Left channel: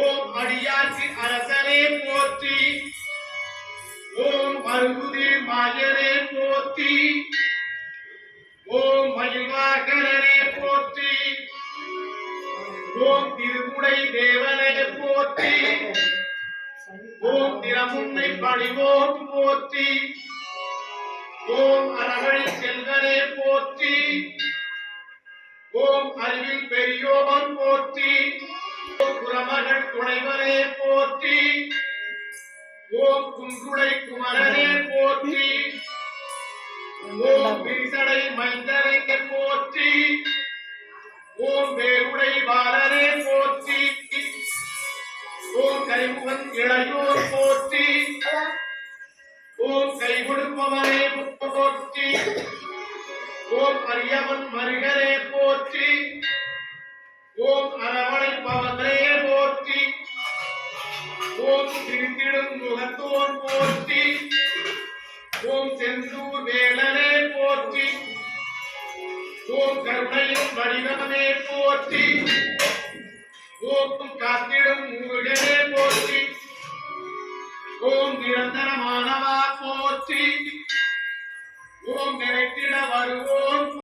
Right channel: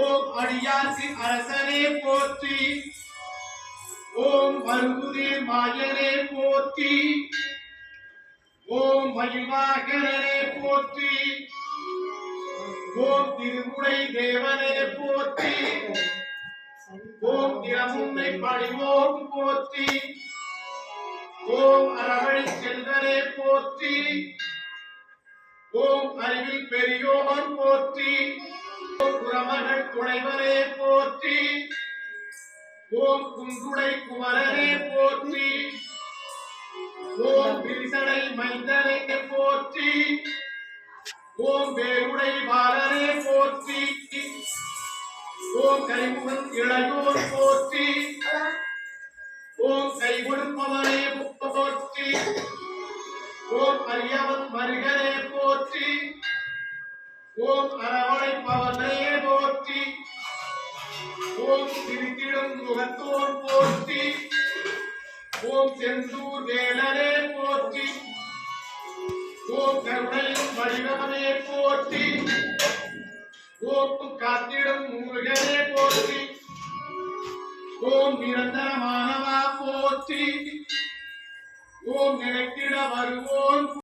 ஓம் அடியார்க்கு அரசனே போற்றி. ஓம் அருகுதே மாயனே போற்றி. ஓம் மயில்வாகனே போற்றி. ஓம் திருமுடை தேவனே போற்றி. ஓம் திறமுன்னை பணிவோம் போற்றி. ஓம் அரவழி செல்வனே போற்றி. ஓம் அறிவில் பெரியோன் போற்றி. ஓம் குரமகள் துணைவனே போற்றி. ஓம் குன்றுடை குமரனே போற்றி. ஓம் விரிசடை மைந்தனே போற்றி. ஓம் வேருடை பாலனே போற்றி. ஓம் கைமுகன் இளையோர் போற்றி. ஓம் கை கொடுப்பவனே போற்றி. ஓம் அரியவன் மருகனே போற்றி. ஓம் அரவணைப்பவனே போற்றி. ஓம் திருத்திடும் முகத்தோன் போற்றி. ஓம் செந்தூர் வேலனே போற்றி. ஓம் கருணையும் வடிவமே போற்றி. ஓம் காத்திடும் முருகனே போற்றி. ஓம் நிரந்தரமானவா போற்றி. ஓம் நினைத்திட வருவோன்